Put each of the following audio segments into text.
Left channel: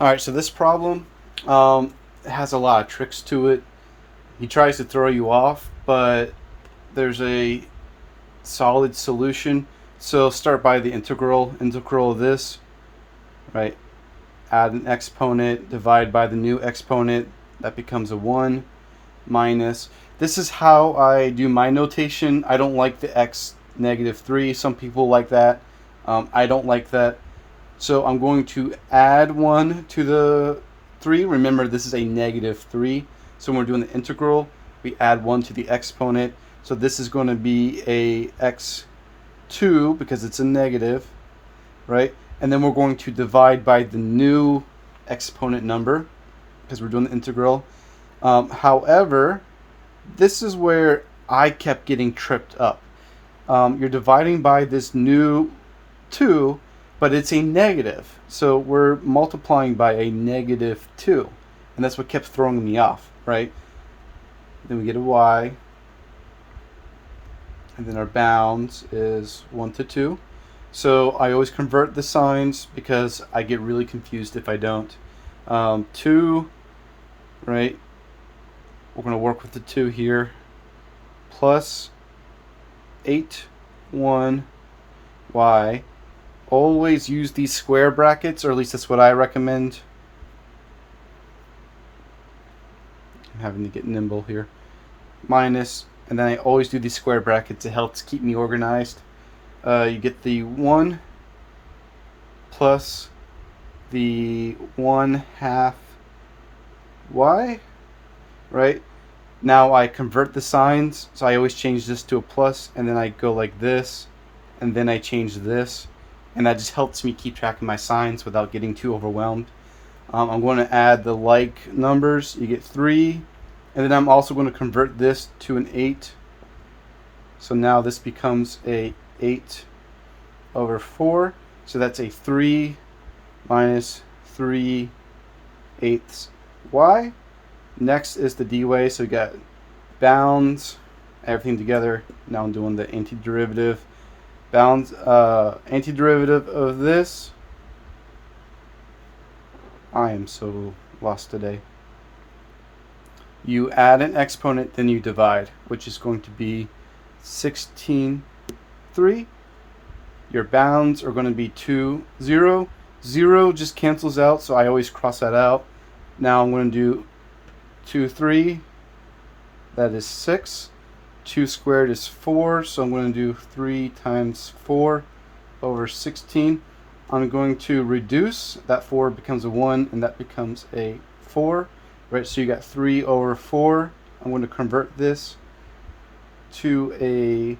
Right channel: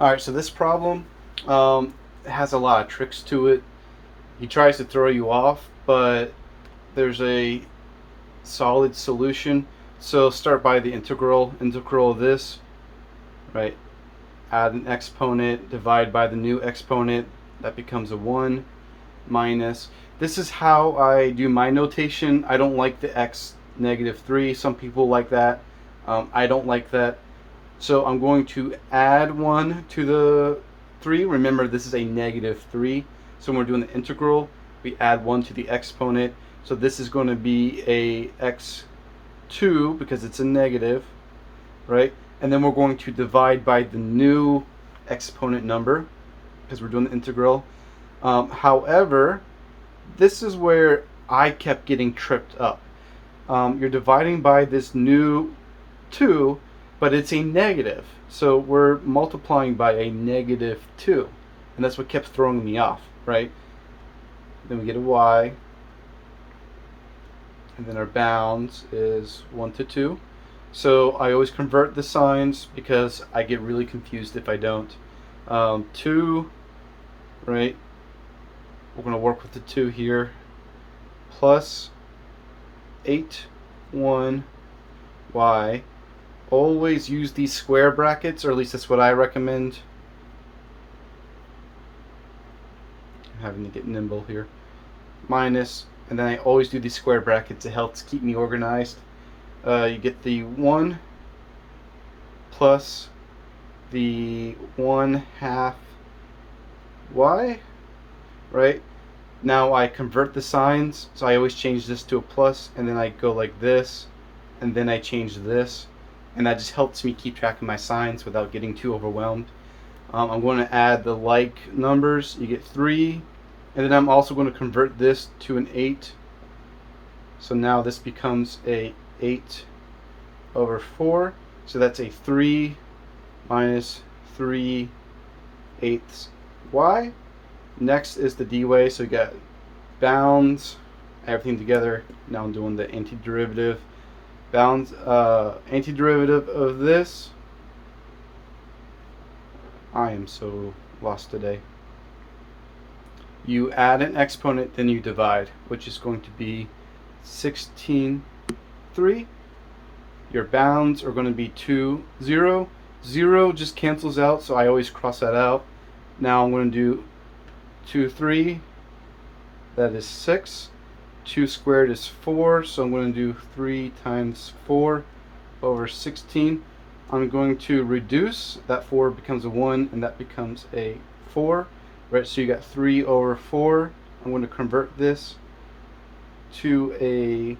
All right, so this problem has a lot of tricks to it. He tries to throw you off, but there's a solid solution. So start by the integral of this, right? Add an exponent, divide by the new exponent, that becomes a 1, minus. This is how I do my notation. I don't like the x negative 3. Some people like that. I don't like that. So I'm going to add 1 to the 3. Remember, this is a negative 3. So when we're doing the integral, we add 1 to the exponent. So this is going to be a x2 because it's a negative, right? And then we're going to divide by the new exponent number because we're doing the integral. However, this is where I kept getting tripped up. You're dividing by this new 2, but it's a negative. So we're multiplying by a negative 2. And that's what kept throwing me off, right? Then we get a y. And then our bounds is 1 to 2. So I always convert the signs because I get really confused if I don't. 2, right? We're going to work with the 2 here. Plus 8, 1, y. Always use these square brackets, or at least that's what I recommend. I'm having to get nimble here. Minus, and then I always do these square brackets. It helps keep me organized. You get the 1 plus the 1/2 y, right? Now I convert the signs, so I always change this to a plus, and then I go like this, and then I change this, and that just helps me keep track of my signs without getting too overwhelmed. I'm going to add the like numbers. You get 3, and then I'm also going to convert this to an 8. So now this becomes a 8 over 4. So that's a 3 minus 3/8 y. Next is the dy. So you got bounds, everything together. Now I'm doing the antiderivative. Bounds, antiderivative of this. I am so lost today. You add an exponent, then you divide, which is going to be 16/3. Your bounds are going to be 2, 0. 0 just cancels out, so I always cross that out. Now I'm going to do 2, 3. That is 6. 2 squared is 4, so I'm going to do 3 times 4 over 16. I'm going to reduce. That 4 becomes a 1, and that becomes a 4. Right, so you got 3 over 4. I'm going to convert this to a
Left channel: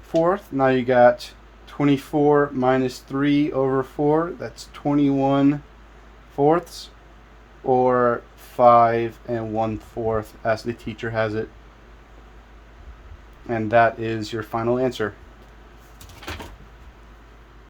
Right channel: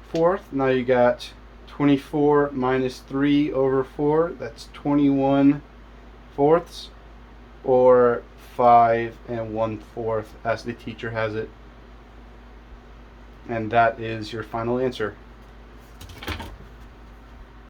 fourth. Now you got 24 minus 3 over 4. That's 21/4, or 5 1/4 as the teacher has it. And that is your final answer.